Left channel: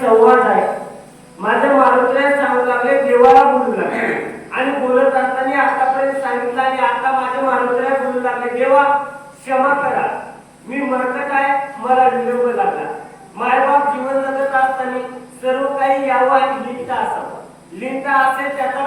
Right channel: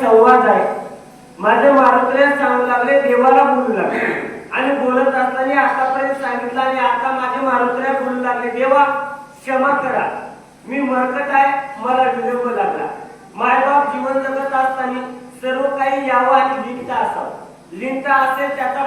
संवाद आहे. माझे मारुतीला सांगू लागले, देवाला बोलू लागले आणि बोलत असताना आतापर्यंत सांगितलं आणि आता माझे मारुतीला बोलू लागले, देवा क्षमा करा, मी मरकट आहे, मला विलंब लागला. मायबाप जीवन जगत असताना सर्व काही यावं आणि लिहिता असावं. लिहिता असेल त्याचा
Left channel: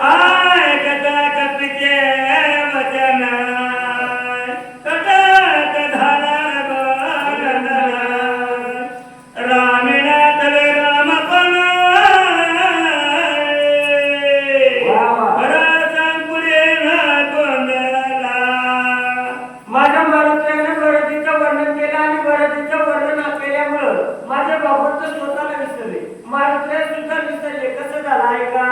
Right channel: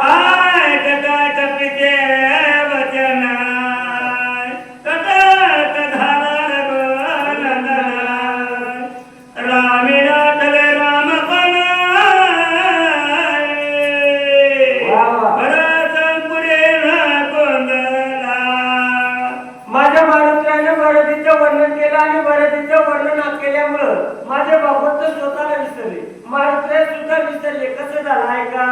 माझ्या मारुतीने बरतीचं वर्णन केलं आणि बरतीचं वर्णन केल्यामुळं माझे भगवंत स्वतःला विसरले, मारुतीला सुद्धा विसरले. कसं झालं आहे का?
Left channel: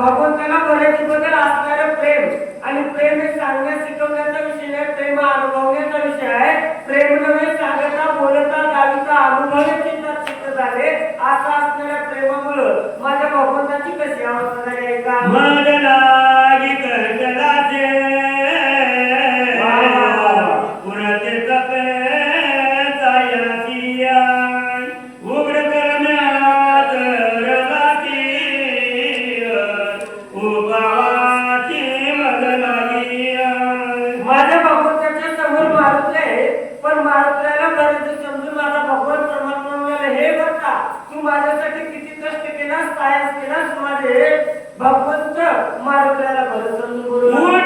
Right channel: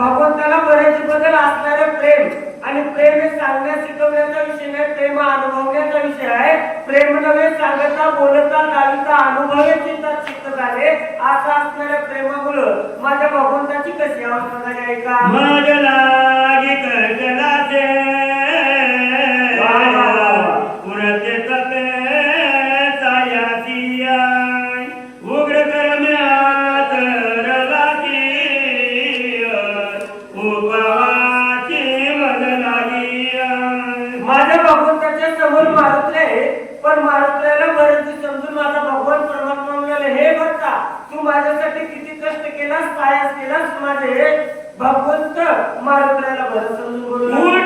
भगवंताला बरेचबद्दल असणारे प्रेम आणि प्रेम हे सांगण्यास शिकवण्याचा विषय नाही, प्रेम अनुभवण्याचा विषय आहे. प्रेम नव्हे सांगता बोलता दाविता अनुभवाची चित्त झाले. असं असणाऱ्या प्रेमामुळं माझ्या भगवंताची कशी अवस्था झाली आहे का? माझ्या लागी करकलाचे पुरते तपे जायाचिया उग्र करण्यात रलाची उपावाची मग लागी. माझ्या भगवंताच्या समोर मारुतले, पण मारुतल्याला बरेच समजून माझा भगवान परमात्मा म्हणाला, हे भक्ता तू माझ्यासाठी किती कष्ट केलास, सायस केलास. माझे भगवंत मारुतल्याला बरं समजून बोलला.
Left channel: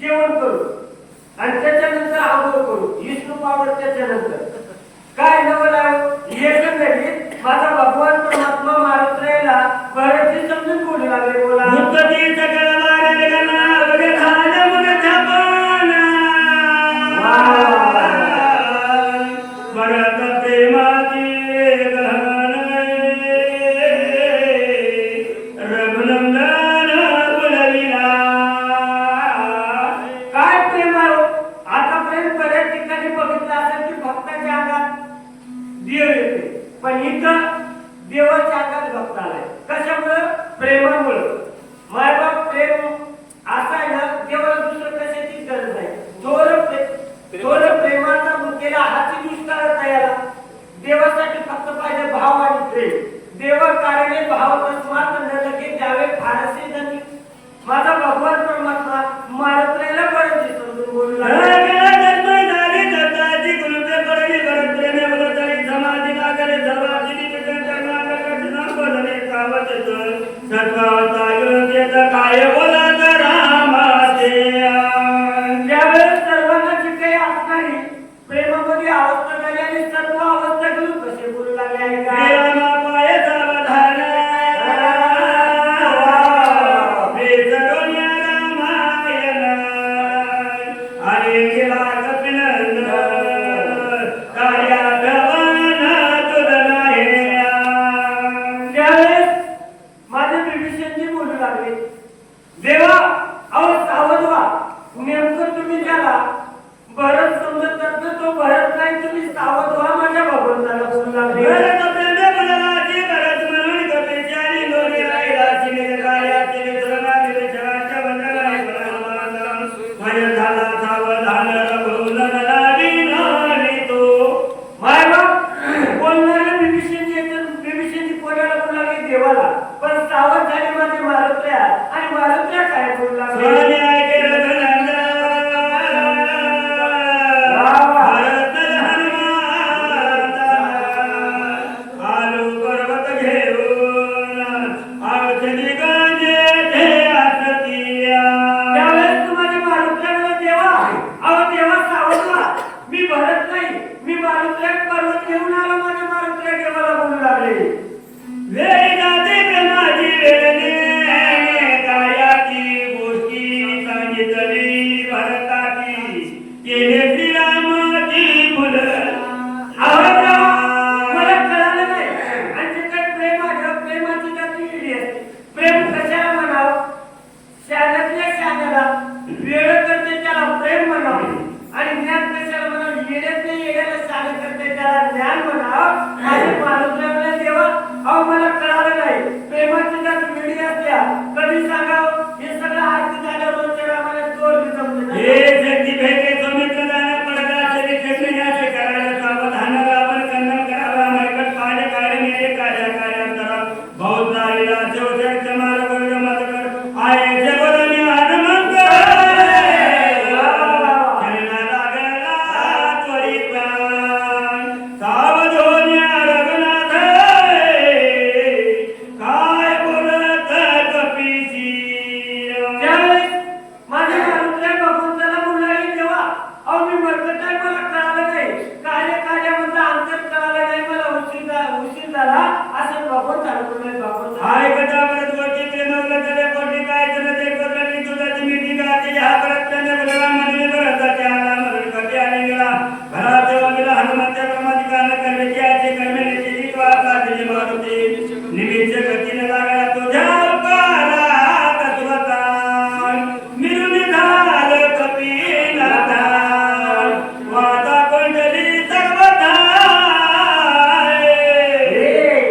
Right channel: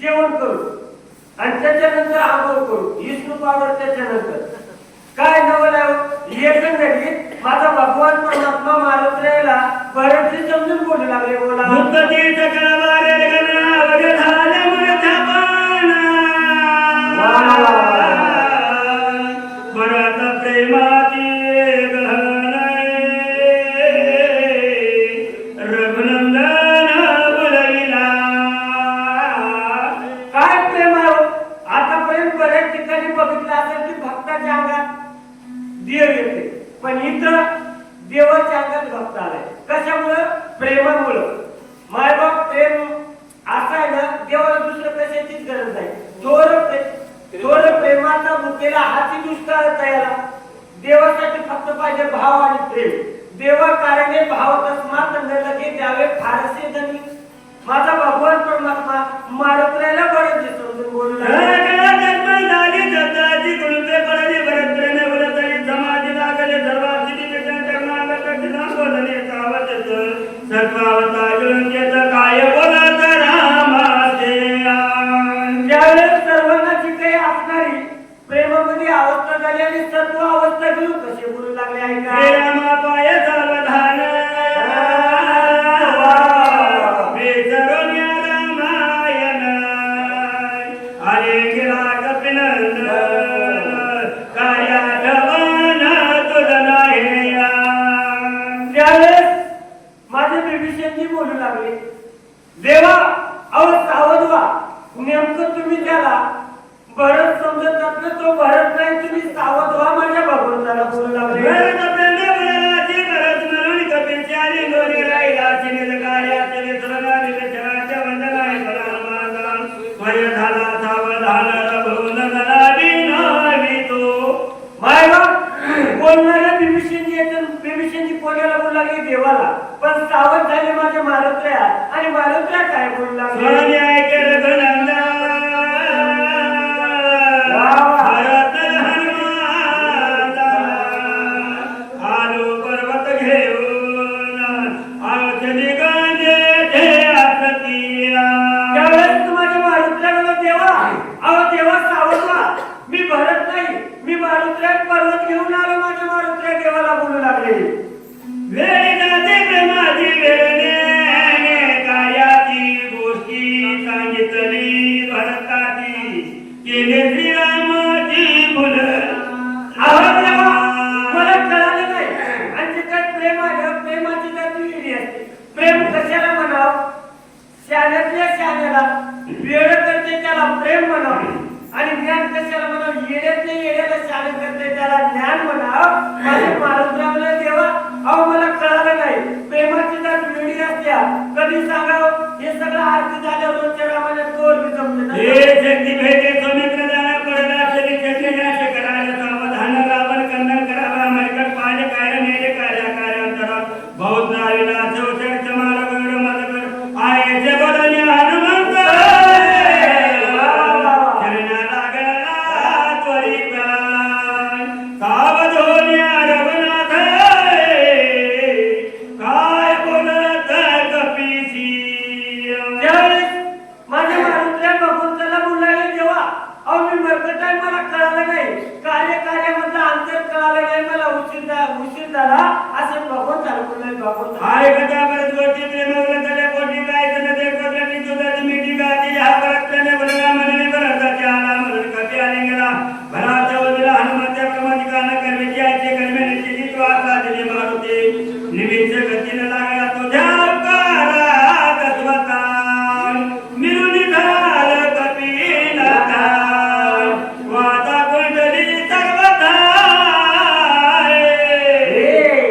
जेवण करू आणि त्याच्यानंतर आंघोळ करू, विष्णू पावर त्याच्यानंतर काय नवला एकंदरीत माझा भगवान परमात्मा मारुतीला बरेच समजून बोलू लागले. बोला देव येते, पण इथं देवाच्या अंगात भक्त आलाय. कशामुळं? प्रेमामुळं. मायबाप प्रेम असा आहे ना, देवाला दुसरं कशाचीच गरज नाही. थोर प्रेमाचा मुकेला हाती दुष्काळ याला. देवासाठी फक्त पाहिजे भाव आणि प्रेम. देव कारणे भाव तस्मात न लगे द्यावे फारसे धनी. माझा भगवान परमात्मा मारुतीला बरेच समजून बोलला. ज्यावेळेस सर्वांना जी काही असणारी प्रेमामध्ये अवस्था झाली आणि सर्व अवस्था घेऊन कसे बोलू लागले आहे का? माझे विभीषणजी बोलू लागले, देवा अहो सावध व्हा. नेमकं तुम्ही ज्याला भरत समजतात ना, तो भरत नाही, तुम्ही सावध व्हा. माझ्या भगवंताला बोलू लागले. बोलणाऱ्या विभीषणजी कोणाला बोलू लागले? देवाला. पण सावध झाले माझे मारुत्या आणि मारुत्या काय बोलू लागले? मी भरत नाही, मी मारुतीला पर्वत घेऊन आलो. माझ्या मारुतीला देवाला बोलू लागले. वेळी जाते प्रेमाची वेळणे कार्याची गोष्टी केले श्रीरामाची फुल आवडत देवा, मला कळालं नाही. आणि जे काय प्रेम आहे, प्रेमाची काय ती वेगळी असते. प्रेम कशाला म्हणावं? शहाण्यातल्या शहाण्याला, वेळ करते त्याला प्रेम म्हणावे. आणि ज्ञान कशाला म्हणावं? येड्यातल्या येड्याला शहाणे करते त्याला ज्ञान म्हणावं. माझे माणूस लागले देवा, अहो मला कळालं नाही. प्रेमाची जात वेगळी असत्या, कधी सांगावं? हे सगळं आरती झाल्यावर रोजच्या रामाला दोर बी जमले नाही. हे शक्ती भेटे सुमित्र दाना पडदा चले चेतण्याचे करायला सावधान रावण कन्नड करावा मरकट पाडे काय मेरे कार्या कार्यांतरा बहुत नाविला चौचर चमार गौर मदकर आये जगरणी हनुमंत चरणा लागला त्वरित सावधोन्या रघुनाथ काय बोलत कपीसी त्यावेळेस माझ्या माणूसल्या भगवंताला बोलायला देवा, अहो मी मरकट आहे, मला कळालं नाही. कार्यामधलं अंतर कळालं नाही, मला उशीर झाला असं भगवंताला बोलायला. भगवंत हाय कथा परत गोष्टी प्रेमवलं त्याला कोटी काय जण ते करलं की तुझ्याची मिठी गाती हा परत त्याने बलराम म्हणे भरताचे आला मरण करते आणि गेला घरात गेला हनुमंत्या क्रमाची गाणं करण्याची आजचे कर्मेने केली तो आता तिने मारुती निधीचे गतीने लागला तुझ्या पारा तत्वता मिळून झालं कपिलता वादा कोंडली सर्वता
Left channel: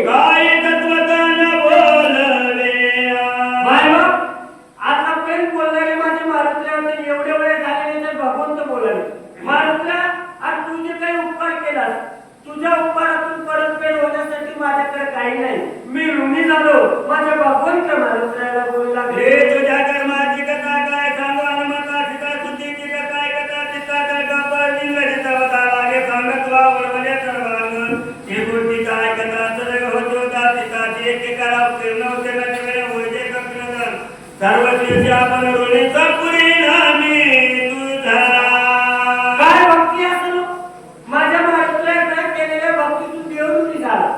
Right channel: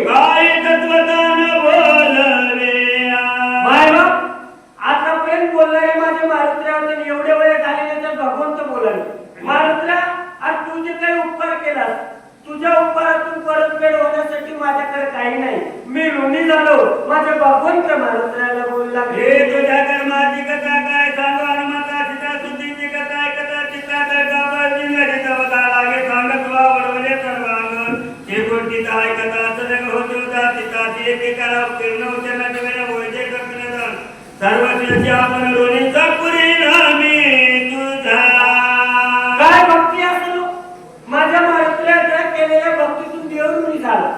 काय तत्वतान बोलले बाय बाप, आतापर्यंत बोलणारे माझे मारुत्र्या होते, एवढे वेळ झाले तर भगवंत बोलाले. मारुत्र्या, आज तू जे काही उपकार केलास, तुझ्या उपकारातून परतफेड होण्यासाठी माझ्याकडे काही नाही. मी ऋणी झालो. माझ्या भगवंत मारुत्र्याला बोलला. हे तुझ्या कर्माची कथा काय सांगू हनुमंता सीता सुधीची कथा कथा सीता कर लिंगाची तवता लागे सांगत वावडमध्ये सर्वांगण हे गोष्टीचा आहे कथा सनग होते होता सीताची एकेकाला उत्तीर्ण होते न कळे ओळजे कपिलगण सर्वस्वीची आपण ऋणीचा पुरी नामी तुझा काय भक्ती असो, माझ्या मारुत्र्याला केलेल्या भक्तीतून देव ऋणी झाला.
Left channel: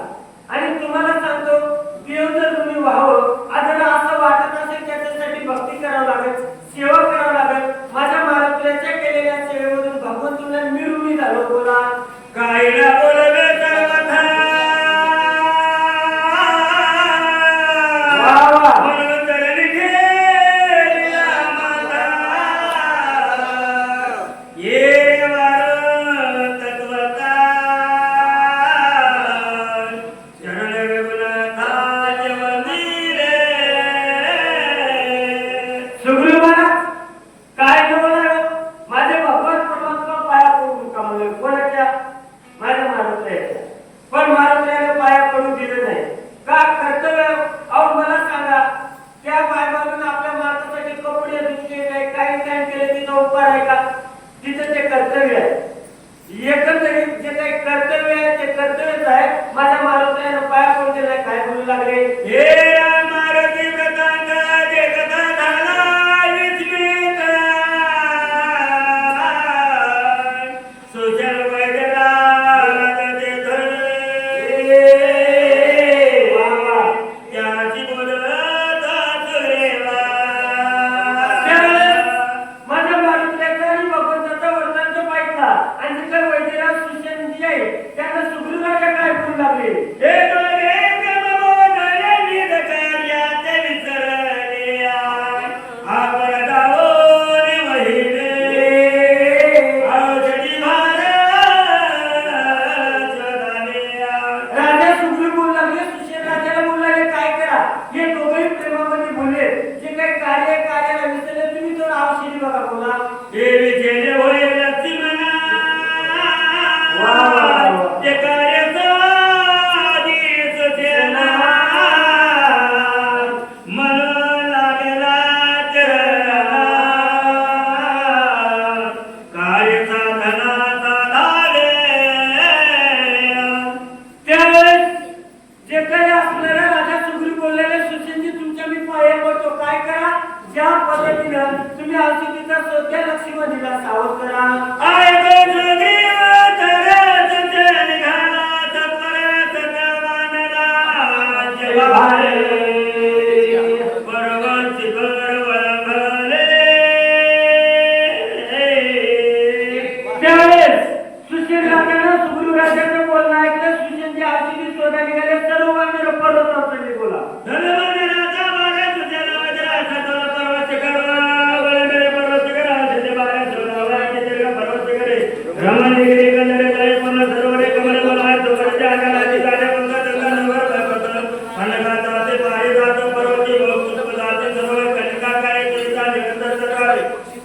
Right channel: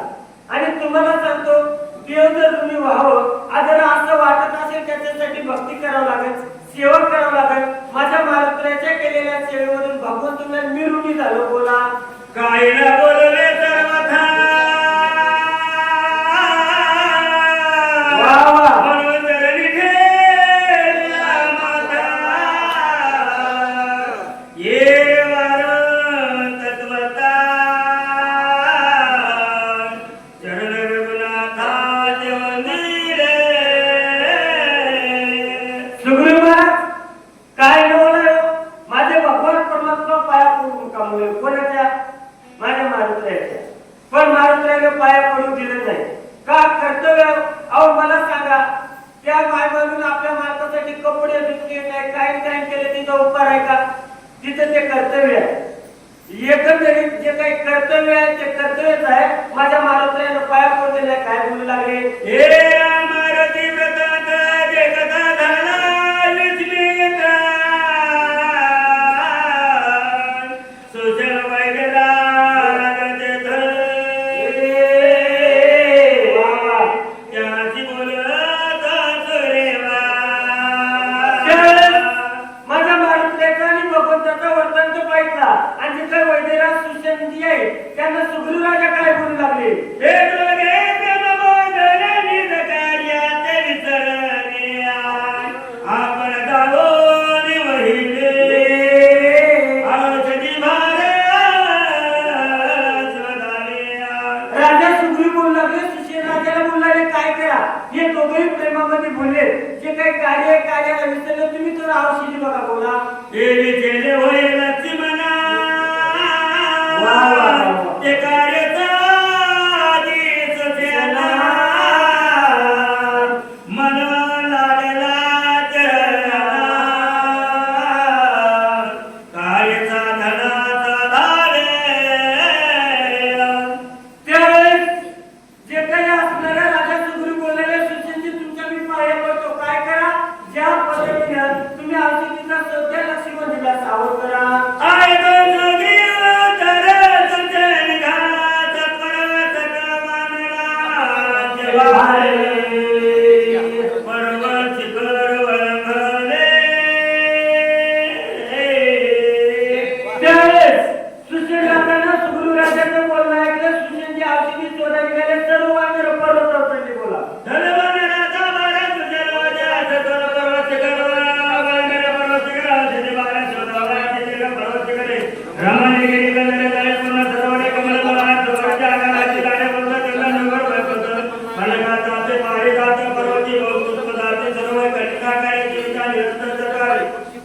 आणि तुम्हाला सांगतो, देव जर तुम्ही व्हावं जर असं वाटत असेल, त्याच्यासाठी भक्ती करावं लागेल, सेवा करावं लागेल. माझ्या मारुत्र्याच्या केलेल्या सेवेवरून भगवंतुला मी ऋणी झालो. बोला काय ना बोलले सर्वथा वा वा. म्हणून चरणी ठेवला माता ये वार तत्वता चरण रघुनाथा जेवलीले सुग्रीव महाराज, काय बोलणार? माझे भगवान परमात्मा पाया पडून कमवले. कोणाच्या? माझ्या मारुत्र्याच्या. पण मारुत्र्याला पाया पडू दिले नाही. का? कर्तव्य. अहो मला सांगा, त्या बायबाजून आपल्या मातासाठी कपडे धुतले नाही, काय काय केले, तिचा उपकार आहे का? तिचं ते कर्तव्य आहे. एकंदरीत जे काही कर्तव्य आहे ते कर्तव्यच आहे. माझ्या मारुत्र्याला पाया पडू दिले. काय बोलू लागले? हे मारुती व्रताचा जे कथा झाला विस्मित सुजल वैगरा त्याची बोलत सुरेवा माझ्या मारुत्र्याचा आणि भगवंताचा वर्तनचा पाहिला. आणि जिथे वैद्यराज सुशेंदी आहे त्यांना सुग्रीव राजा काय बोलू लागले? हे डोळे ब्रह्मोदय निरकार्याचे विसरले आपण जाऊन वहिले औषधी राजा सुग्रीव बोलू लागले. सुशेन राजाला बोलू लागले, काय करा? हे दोघेही प्रेमामध्ये बोलले. जे काही कार्य आहे, कार्याला विसरलं तुम्ही, तर औषधी बघा. बोला वा वा वा. ते कार्याचा आधीच केला मन लागला चरणाला कार्याचा धनाचा धारे त्यावेळेस जे काही असणाऱ्या राजा सुग्रीव बोललेले, सुशेनजी तुमच्या मी पाया पडतो. काय करा? ज्या पद्धतीनं तुम्ही औषधीचा सध्या लक्ष्मण दिला, सावध करा. आय तो जोगीव तरस निघाला तत्पर सगळवानला जवारे पर्वत शिखर वरंगले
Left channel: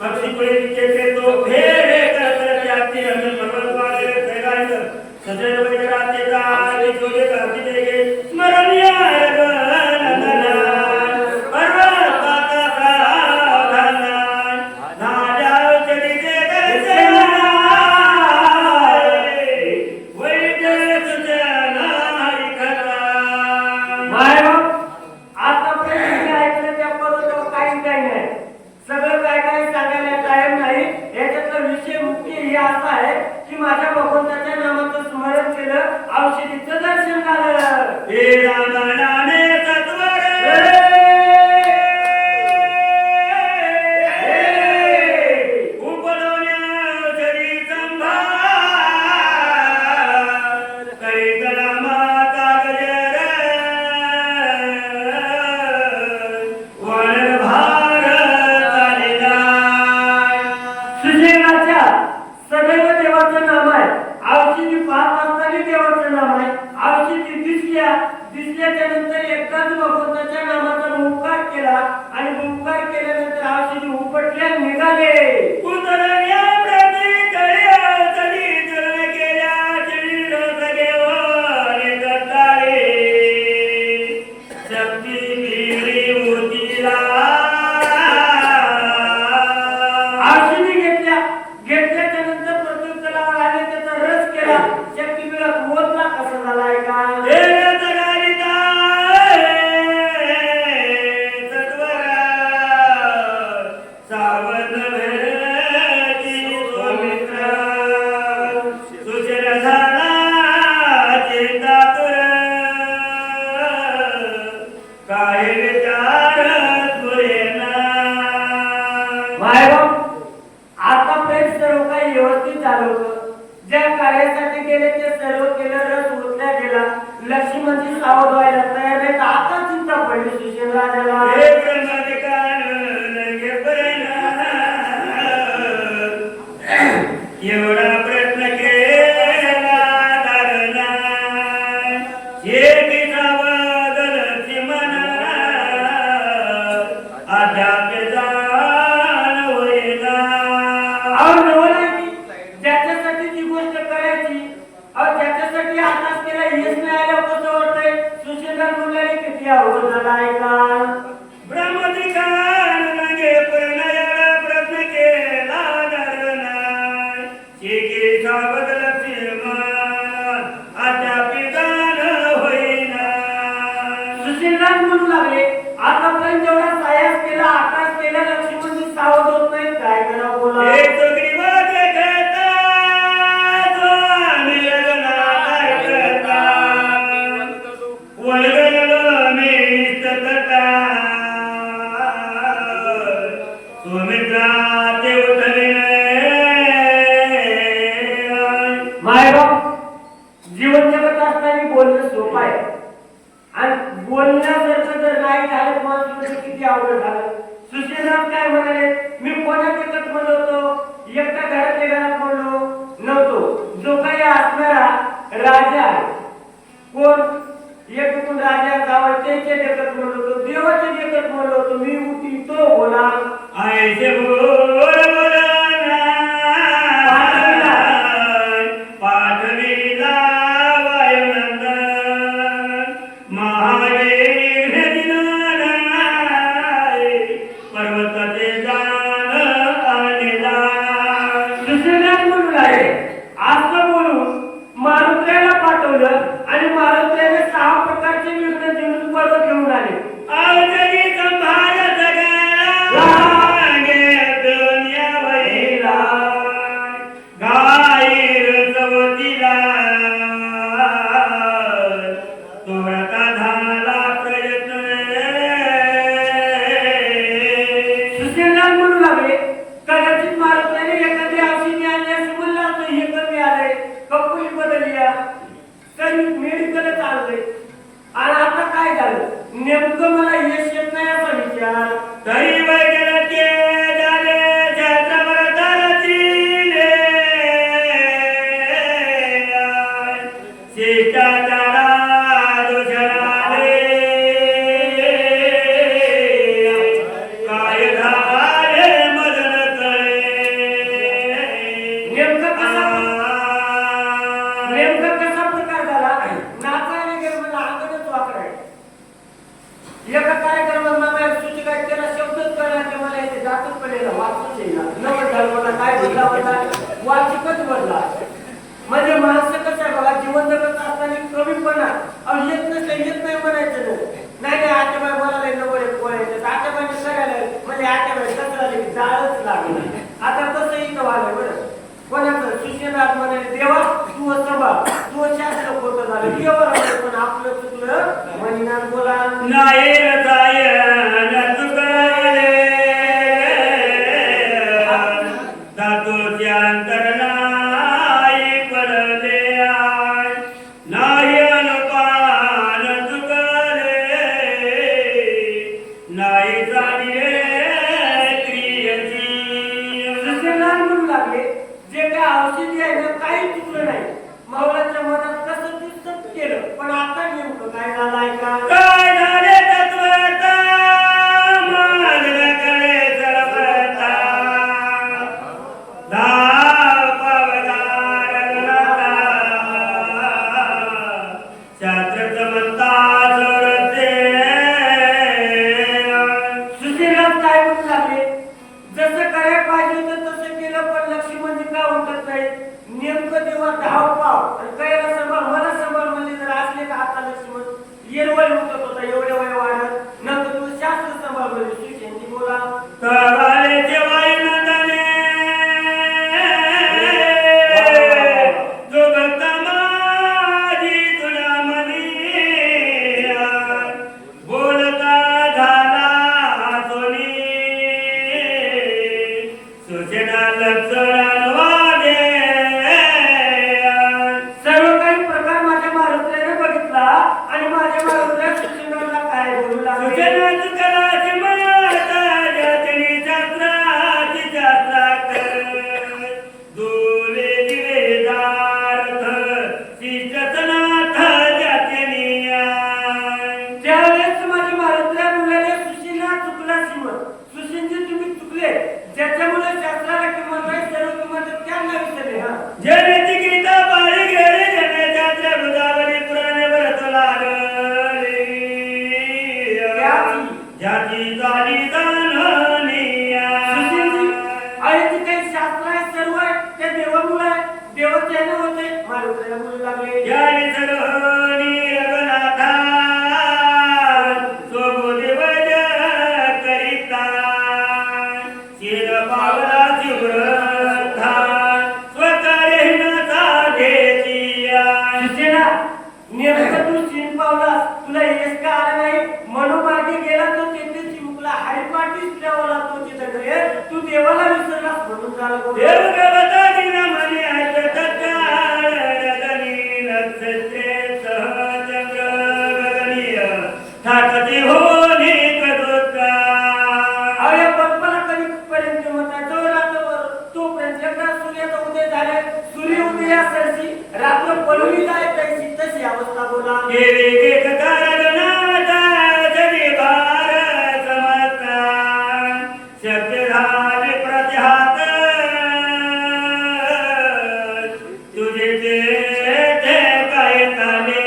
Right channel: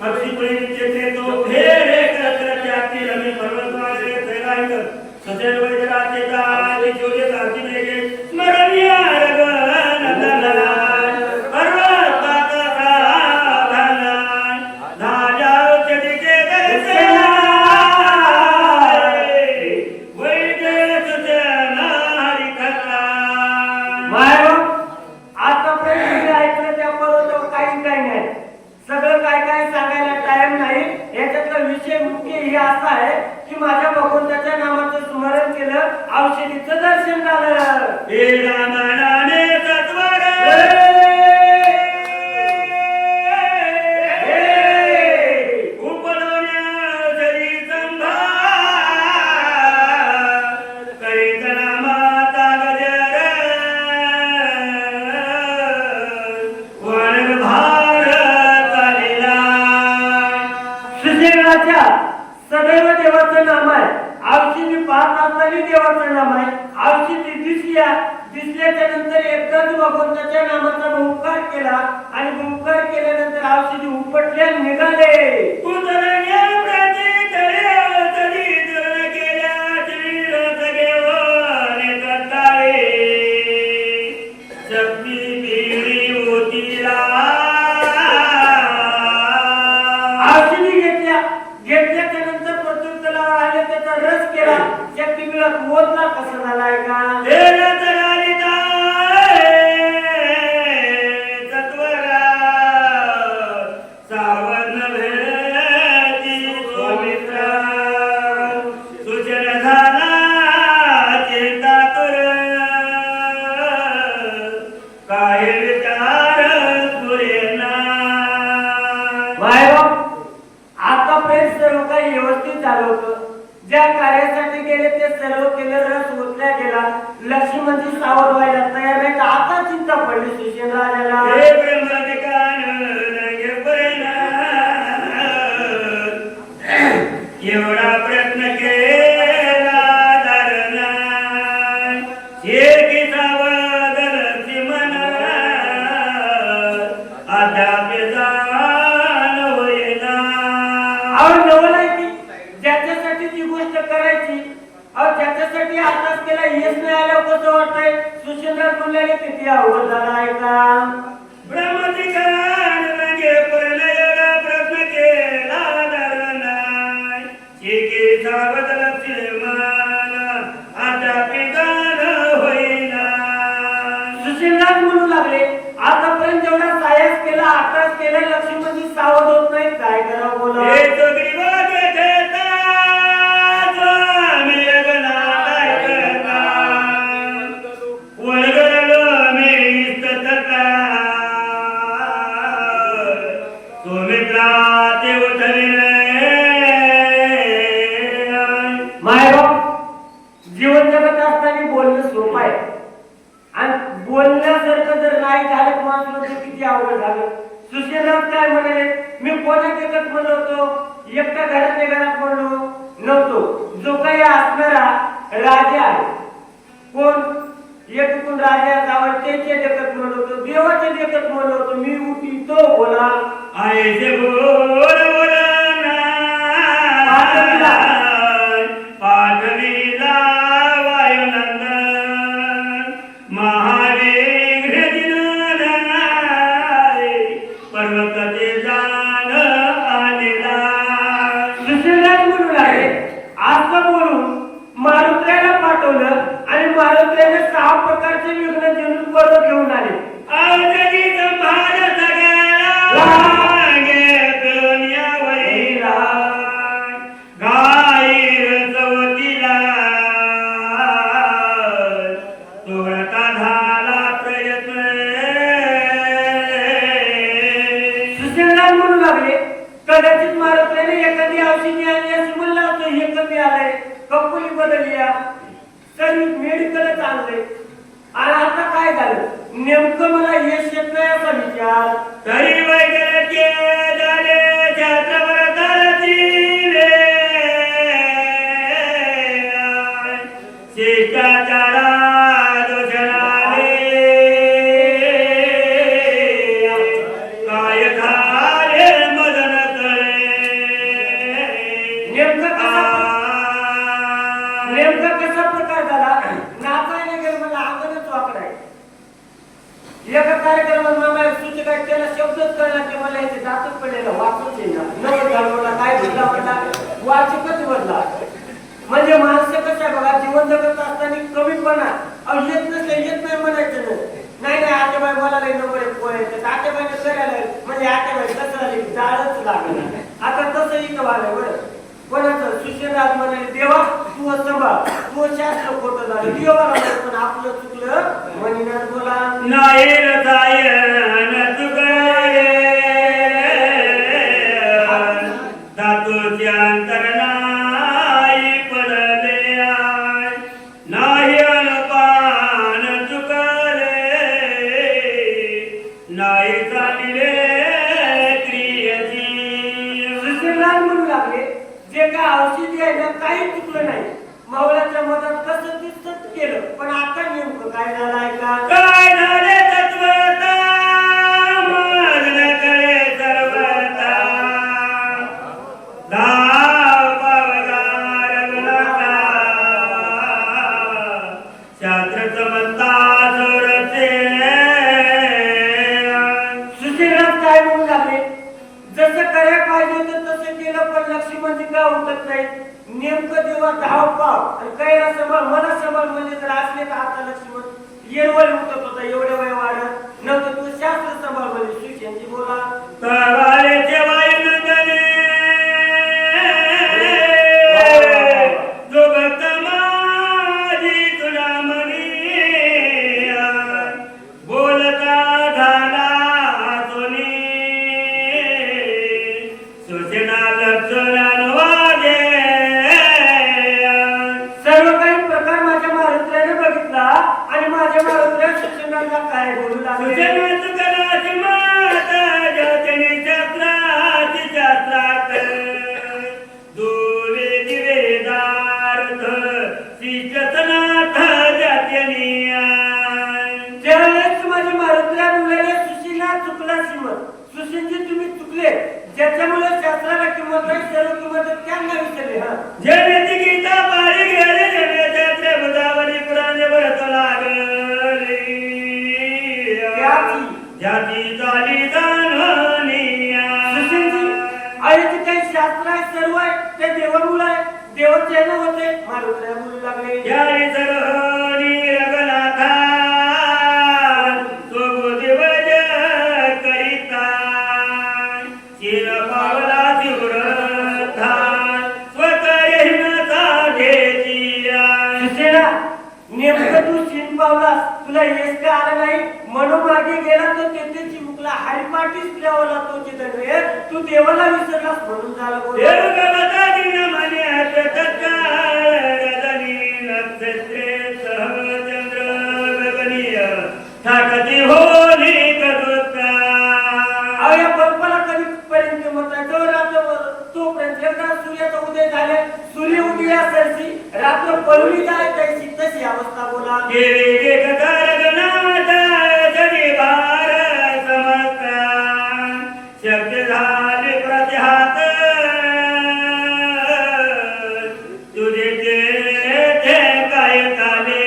अक्षिपळे तिचे तो हे रे करत आपली अमी पर्वतवाले कैलास सदैव वैराते का आदि जोगे काती देगे स्मरणीय माझ्या भगवंताच्या नामाचं स्मरण केलं औषधीचं दर्शन झालं हे रामाने तत्वर सदैव देवाचं नाम आहे औषधी पाहत असताना देवाचं नाम आहे औषधी दिसल्याच्या नंतर एकदाच भगवंताच्या नामाचा हुंकार केला आणि हुंकार केल्यानंतर औषधी उपटल्या निघाले मोदला कसा झालाय का आतापर्यंत सर्व काही व्यवस्थित झालं होतं ज्या कार्यासाठी गेले ते सर्व केलं रस उरल्या गेला लक्ष्मणजी सावध व्हायला तयार नाही आता चिंता पडली शिशेला एवढा प्रयत्न केला धरणा शेतीचा बदलची मना अद्याप जाण होईना ज्याच्यासाठी जी गोष्ट करायची त्याच्यासाठी आताच केला हेच नाही आलं कसं वाटतंय सुशीलदार म्हणलेले किती अवघड झाला आहे का ब्रह्मधिकार म्हणजे पूर्ण एवढा प्रश्न केला धरणा शेतीचा बदलची मना अद्याप जाण होईना सुशीलदार म्हणू लागले आतापर्यंत जेवढा सायास केला आताच केला लक्ष्मणजी सावध होत नाही काय करावं बोला जीवन जगत असताना बोलणं सोपं आहे आणि बोलण्यासारखं जर नाही झालं माणसाचं किती अवघड झालं सुशीलदास काय म्हणाले मी कोणा जगत म्हणतो एकटा घराच्या घरात म्हणलो नव्हतो जो काही असणारा राजा आहे कोण एकूण राजा गावाचे जगत म्हणतो देवाचे जगत म्हणतो मी उठी तो बोला आयसे बोल आणि महाराष्ट्राने 6 प्रकारचे विघ्न जणून बरोबर घेऊन आले म्हणू लागले कदाचित महाराष्ट्राने एखादी औषधी आणली असं म्हणलं असं हे कमी आलंय कंपनी बदलली तरी मेडिकल चाललंय आणि आता काय झालं नेमकं मला यश येत नाही असा विचार तरी वैद्याचे झाले शिष्टाचारा दुसराले काय झाले मदन एका कार्यक्रमात मला सुची काय केला शब्दच करणार की मला इथे जातच पडलेला वाचूच येईना नवं झालं मला काय भेटला मला वाचिकच बदला म्हणजे माणसं कसं आहे बघा जीवन जगत असताना कमीपणा येत नाही म्हणायचं नाही नाही आत्याबाई बोलायला नंबर एक बोलायचं आत्याबाईने करायला म्हणजे आत्याबाई कसं झाली जाळच लागलं आता तसं इथं व्हायला बरं कोणाचं सुशीलराज म्हणाले देवा तू सांभाळ तू शास्त्र खोटं झालं देवाला म्हणे पण आपलं चुकलं म्हणीनाथ बोला नाही रसायन चुकले धातूचे अंतर नाही पडले नाही अनपान चुकले नाही झाले क्रियेची सुशीलराज म्हणू लागले जे काय औषधी आहे ना काही चुकलं नाही मावळाच्या मदत कसं दिसत केलं पण आता नेमकं काय झालंय का काय झाले तत्वता मार्ग करे सर्वता धाव पवनार गुणता शास्त्र समजता जोरते सुशीलराज काय म्हणू लागले जसं करायला पाहिजे होतं तसं केलं पण लक्ष्मण जी का उठत नाही नेमकं तेव्हा धाव पाव आणि कैला सांभाळ मला सांभाळ म्हणजे जर असले तर आता लक्ष्मण येरवळ उठत होता एवढं वय वाढत नंतर तू शास्त्र सांभाळ म्हणजे सुशेंची बोला तवायचे वायुनंदने जो भक्त माझी तुझ्यामधी बोलता झाला सोनी सुसेना लक्षण वागे सर्व काही प्रकार माझ्या महाराष्ट्राने बघितला आणि माझ्या महाराष्ट्रात शिक्षणाला काय बोलू लागले सुसेनाची कलाची माता जातनी शास्त्राची शास्त्रात दुवे दिवेदार्थ शिष्यसनाथ जात्यनी त्यावेळेस माझे महाराष्ट्रा मुलाने सुशीला चुकला सीमत सुशीलजी तुम्ही चुकले ज्याच्यामुळे शास्त्राला किंमत आहे सर्व किंमत त्यांना विसरले हा जनेची गीता पाळी गेले जने त्याच्या बुधावरी पुराणे भरत लागली जाती झाली जाणनिया सुशीलजी आईचे काही शास्त्र आहे सर्व आहे ते देवामुळे आहे देवाचे होते महाराष्ट्रा म्हणू लागले यारी सर्वनी रघुनाथा स्वबुद्धिवज करिता शिर पावला शिवरथा स्वतःहीनता घेतिया सुशेला नेमकं तू सीन पावला तुला यश का आला नाही म्हणून मागे गेला तर तेथे चिमुकला हरिपाठीच ठेवला तो तिथं रे तू देवाला विसरलास म्हणून झाला बोल. देवगवता दिना मने तत्काळ रजनी नक्षत्रे सहचंद्र गगनीय ठाकती होनी करुत्रा अरे बाप्पाला कधी पर्यंत मत आहे जो रात्रभर तोपर्यंत एकदा सूर्याचा उदय झाले सूर्य उदयासारखी रात्र पळवी जाय त्याची तशी अवस्था बोला गेले एकदा रगनाथा जगी भार समत्रा शक्य झाले प्रतिहात तुझे ते काय काले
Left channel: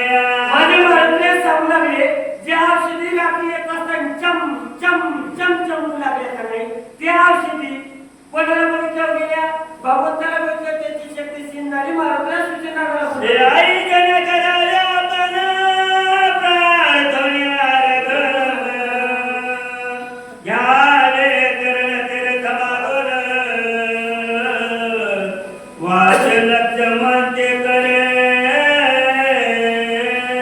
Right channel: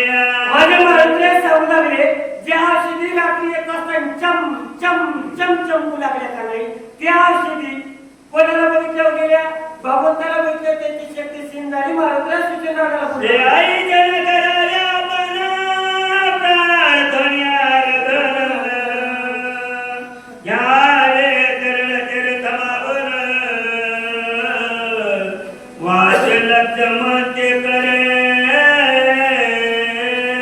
माझ्या महाराजांनी सांगू लागले ज्या औषधी रात्री येत असताना चम चम चम चमू लागल्या का नाही त्या औषधी कोणाला बघितल्या गेल्या भगवंताला बघितल्या त्याची शक्ती सीन झाली महाराजांना सूचना ते आई जन कराया पना प्रार्थना रगन याले करण कर समागोल वाचन चमते करे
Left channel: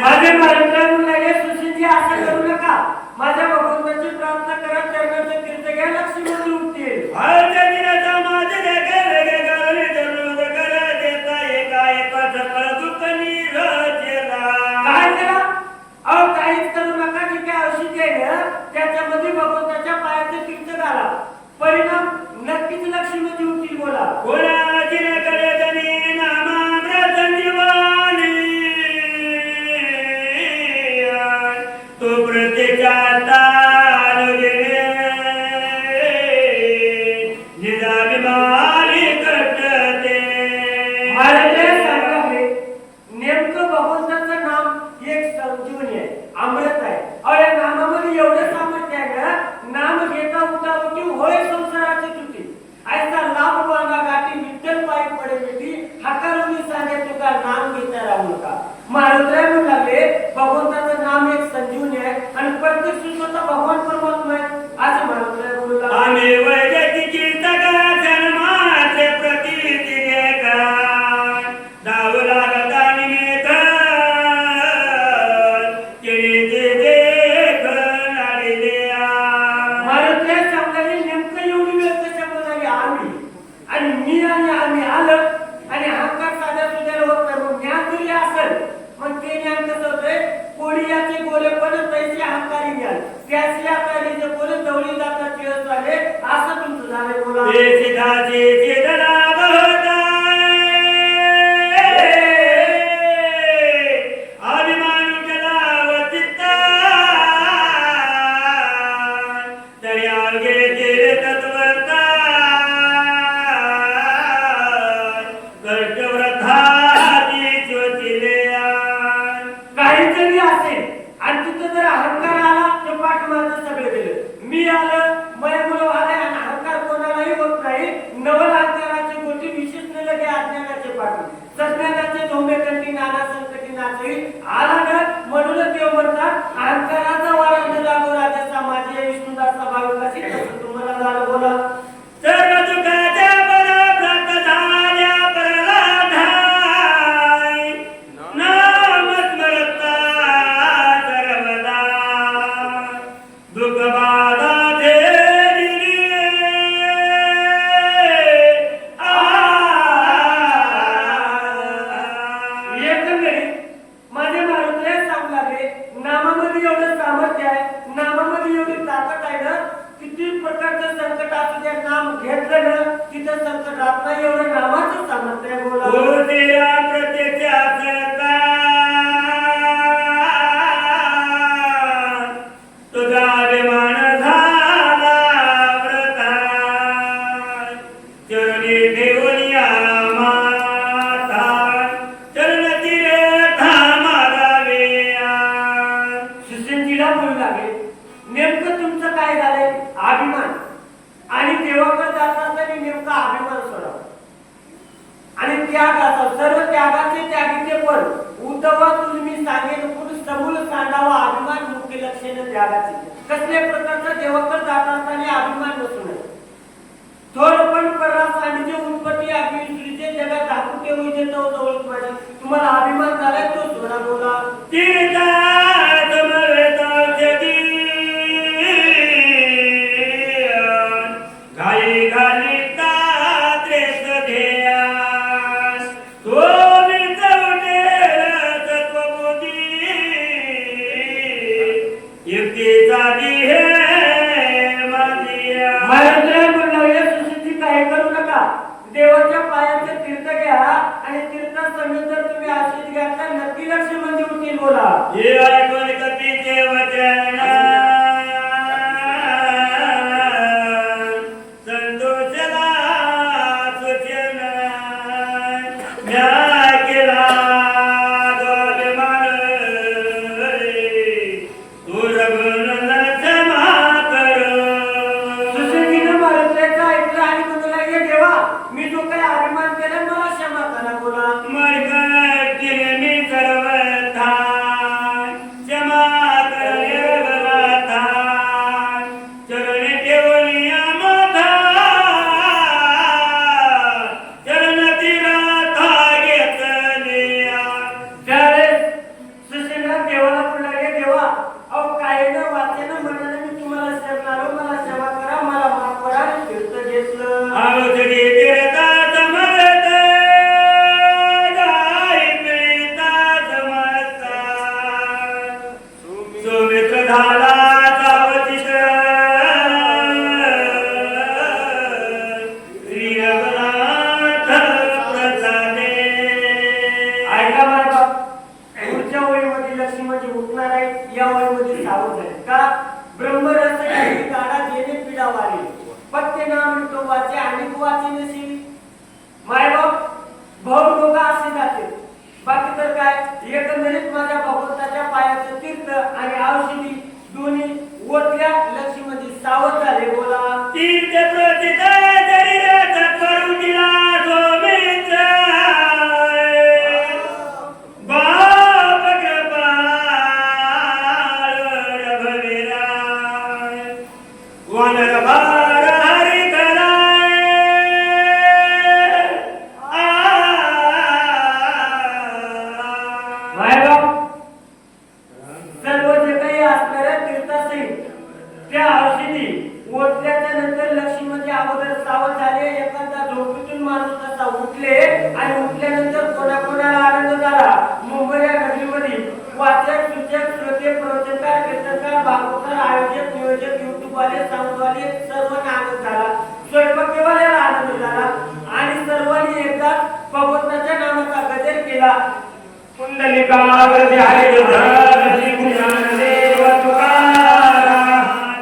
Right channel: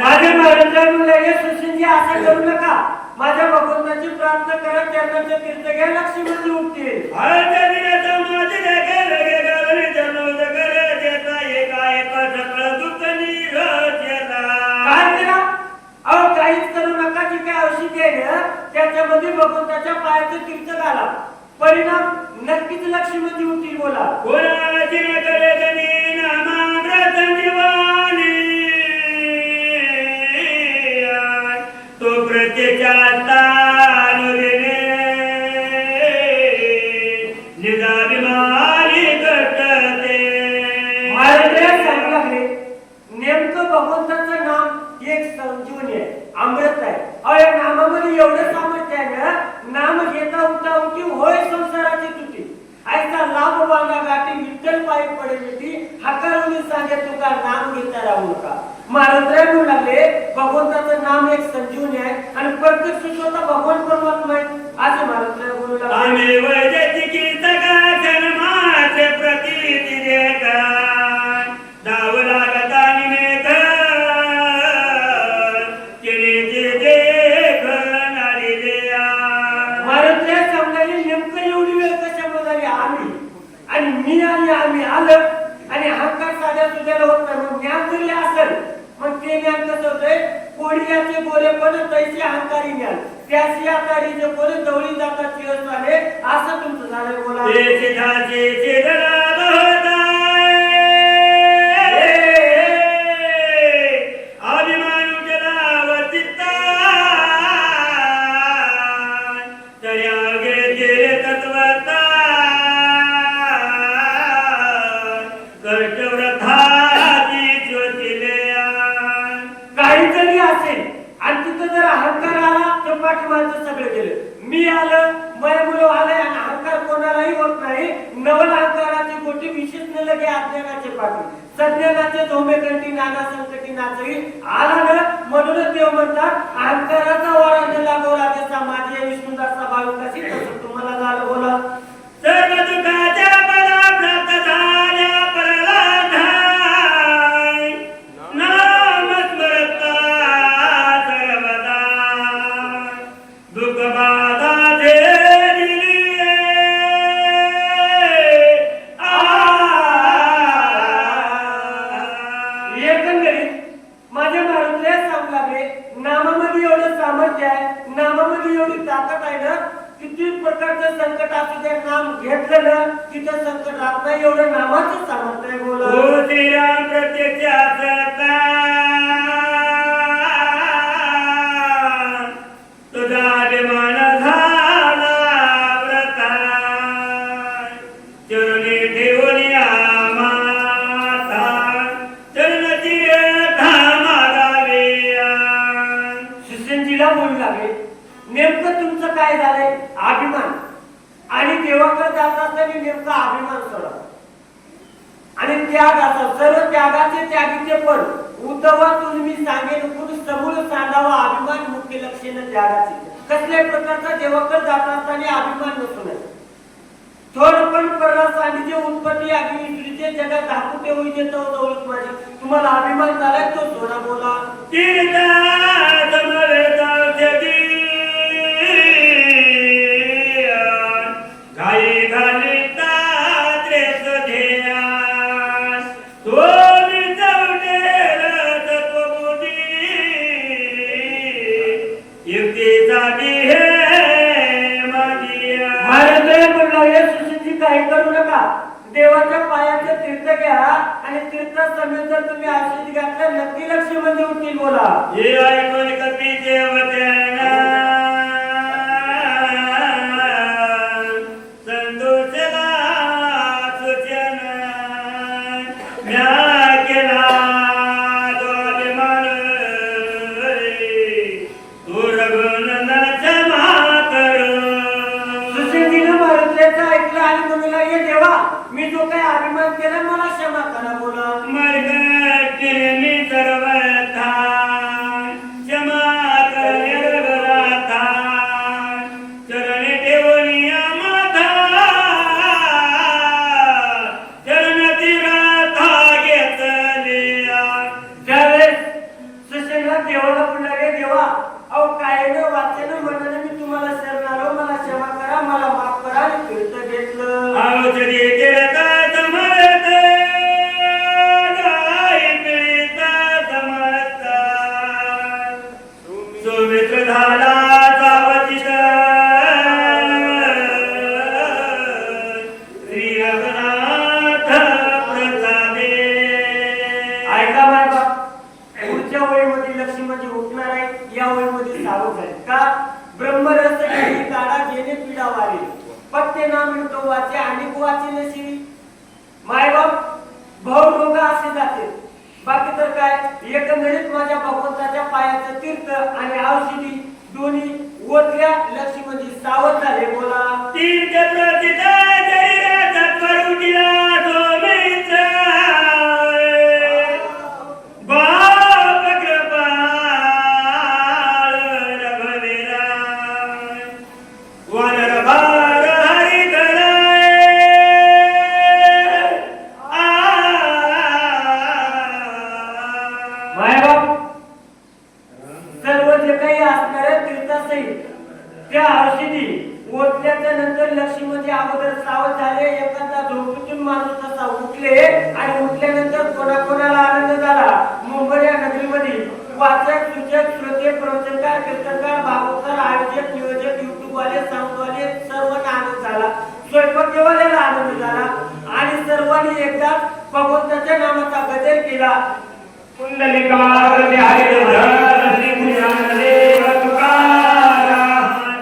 माझे महाराजांनी सुशीलजी असं करू नका माझ्या भगवंताची प्रार्थना करा चरणाचे तीर्थ घ्या लक्ष्मीमध्ये उठतील आज दिनाचा माझे गे लगे गवली जरूर कर देता एका एका सकळ दुःख निघेला काय करा अहो काहीच करू नका जी काय औषधी आहे ना त्याच्यामध्ये भगवंताच्या पायाचं तीर्थ घाला परिणाम नक्कीच लक्ष्मीमध्ये उठतील बोला कोणाची करे जनी नामाग्र संजीवानी तो प्रत्येकाचा निदाभिमानी कटते महाराज सांगत आहे नेमकं भगवंताचं नाम एक संजीवनी आहे अमृत आहे अहो या नामामध्ये नामामध्ये एवढं सामर्थ्य आहे ना, नाम घेता उठा उठी होय संसाराची तुटी. ऐसा लाभ वांगा गाठी विठ्ठल पायी पडे मिठी, हकारुनी सांगे तुका नाम घेता राहू नका. महाराज म्हणू लागले भगवंताचं नाम एक संजीवनी आहे आणि प्रत्येक स्वतः भगवान परमात्मा आहे असं महाराज बोलू लागले. आणि वैदिकी सकळ जन्माचे प्रतीती करा दाव लागता निमेक केले जे करणारे देया. महाराज समजायला नेमकं एवढी वेळ कशामुळे झाली आम्ही आणि मी आणि आम्ही आलं आणि अहंकार साध्या सुद्धा होत नाही. मग ज्ञान दिले असेल मग ते ज्ञान कसं होतंय, कोडियाचे गोरे पण तैसे अहंकारी ज्ञान त्याची आकारी जे गोरे जवळी जातात चिरस झाले असं तुमचं झालंय. बोला ते सिद्धाचे चेतना काहीतरी असेल आणि तिथं जर अहंकार आला तर पाठीमागचं सगळं गेलं. मी आलं मुलं आलाय आणि अहंकार कोणालाही होत नाही. नवल अहंकाराची गोटी विशेष न लगे अज्ञानाचे पाठी सज्ञानाचे धोमे कंठी नाना संकटी नाचवी आला ना. म्हणूनच देव म्हणतात अहंकाराचा वारा लागवला जसा माझे विष्णुदासा भाविकाशी तसं तुम्हाला झालं. बोला सर्व दुःखाच्या बळा प्राप्त झाल्या परलाधाय नाम स्मरता सर्वदा दुःख बाधा एकंदरीत माझ्या महाराज सांगू लागले नामामध्ये एवढं सामर्थ्य आहे, नामामध्ये एवढी ताकद आहे ना, किती प्रकारचं संकट असू द्या नाम घेतलं ना तिथं संकट राहत नाही. एवढं नामाचं सामर्थ्य आहे. बोला हो तेरा प्रत्यक्ष तुझा अभिमान झाला व्रताय चरणी ठेवली माता चरण तीर्था मागावेया. सुसेनजीला बोलू लागले नेमकं तुमचं काय झालंय अभिमान आणि देवाकडे जात असताना नेमका अभिमान सोडा आणि त्याग असा सर्व त्यागाचे त्यागीचे पण उद्धवा तुम्ही सांगेन पुरुष समूळ सांडावा अभिमान मुख्य लक्षण त्यागाचे. कसल्याही प्रकारचा देवाकडे जात असताना अभिमान नसू नये. थोर पण पररास आणि जे उत्पत्ती अग्निचे जगात दाखवते होई देतो जवळ माझ्या तुम्हाला अभिमान झालाय तो सोडा. बोला तीर्था समवेताचे घाई घालिता त्रेस ध्येयान सोनी चौटेर तत्वबुद्धी युक्तीचा दिहे मांदिया. महाराज बोलले सुसिद्धी काही करू नका. देवाच्या पायाचे तीर्थ घ्या आणि तीर्थ समेत जर तुम्ही आशीर्वाद घ्यायचा नक्की लक्ष म्हणजे उठतील. बोला हे ऐकून कपीचे वचन संतोषला सूचन म्या केला द्वाभिमान तू रघुनंदन क्षमा कर. सुसिद्धीनं महाराजांचं ऐकलं आणि म्हणू लागले देवा मी जो काही अभिमान केला मला क्षमा करा. बोला मैत्रीने मी सर्व थान क्षमा कर निर्भरा चरणी ठेवली माता चरण तीराथा घेतलिया. त्यावेळेस सुसेनला देवाला बोलले देवा अहो काय न वाचन म्हणून मी तुम्हाला शरण आलो मला क्षमा करा मला माफ करा आणि तीर्थ घेतलं. आवतरी तीर्था समर्थ गाई पिता समर्थ सुमित्र झाला सावतीत श्री रघुनाथ प्रसादे. ऐका बाबा पुढच्या वळीमध्ये लक्ष्मी म्हणजे उठणार आहे या वळीमध्ये सावध आहे का ब्रह्मरस काढा जेणे पिढा वारी पत्ते नाम तो वाचे आणि वाचे नशी. मायबाप भाऊ रोगा असे जाते बाकी तर काय एकंदरीत माझ्या भगवंताच्या पायाचं तीर्थ आणि औषधी दोन्ही ओतल्या लक्ष्मीमध्ये सावध झाले. बोला. तीर्थ प्रतिता शरीराचा करू दिला गोविंद बाप कृपाळ रघुवीरा वानर भार हरी मायबाप सर्व जे काही असणाऱ्या तीर्थासहित त्या औषधी ओतल्याच्या नंतर लक्ष्मीमध्ये अगोदर सावध झाले. एखादा झोपेतून माणूस तसा उठले आणि उठल्यानंतर कोणाकोणाला आनंद झाला. मुंबई या नगरीमध्ये वाचक सूचक श्रोते प्रवचनकार कीर्तनकार भागवतकार आयोजक नियोजक युट्यूबवाले साऊंडवाले सर्वांना आनंद झाला. स्वयंपाकवाल्याला आनंद झाला आणि सर्वांनी एकदाच भगवंताच्या नामाचा गजर केला. कुंडलिका हरे